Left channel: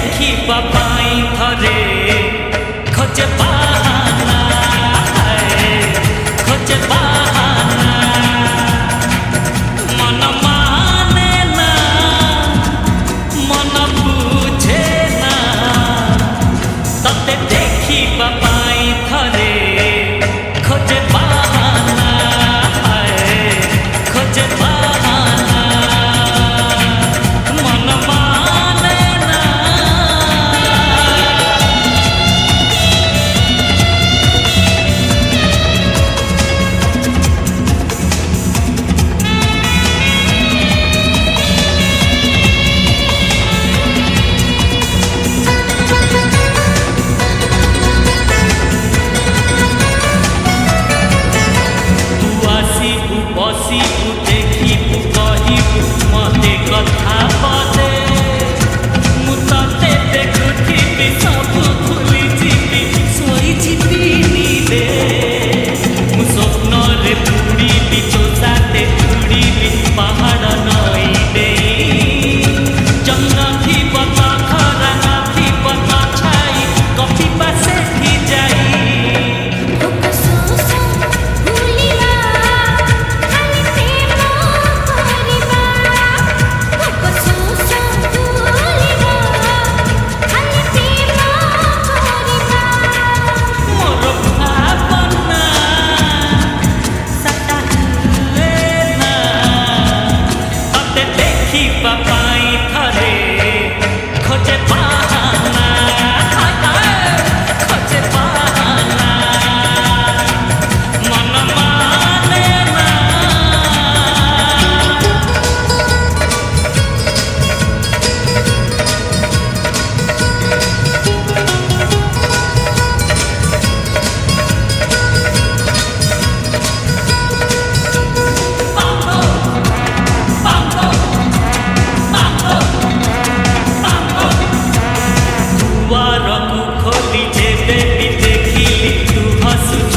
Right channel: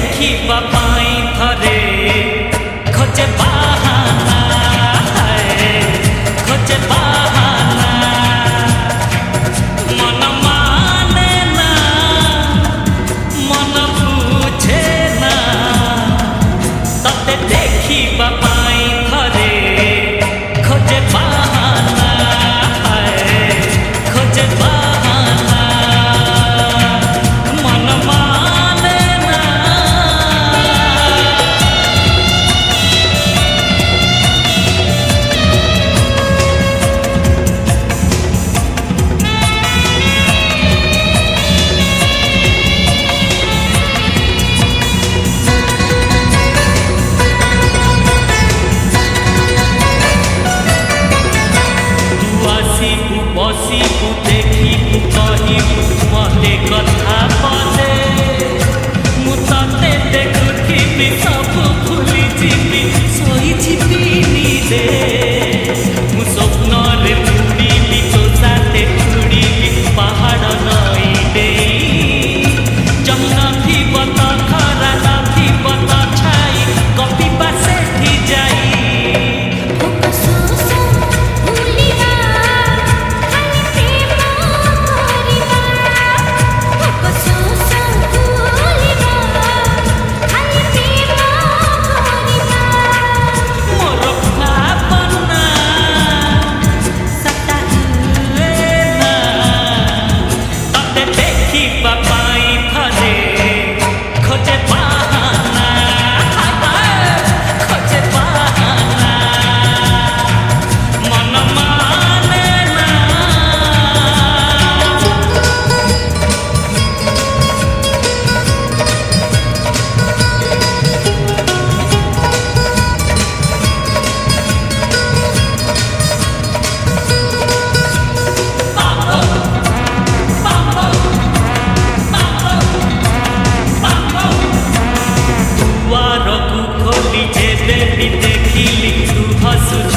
देखिबा पाई थरे खोजे बहाना खोजे बहाना मन माने ना मन बुझे ना तते देखिबा पाई थरे खोजे बहाना खोजे बहाना मन माने ना। आसीबू बसीबू देखिबू कहिबू मते कथा पदे मु तते देखुथिबी सब भूली जीबी सोई जीबी नीले मु स्वप्न रे बुड़ीबी तो साथे उड़ीबी पहाड़ नई देई चंद्र थीब तो खरा नथीब तो छाई कपी पासे थी जाई देखिबा पाई थरे खोजे बहाना खोजे बहाना मन माने ना। खोली जेबे भी देखिली तू हसुच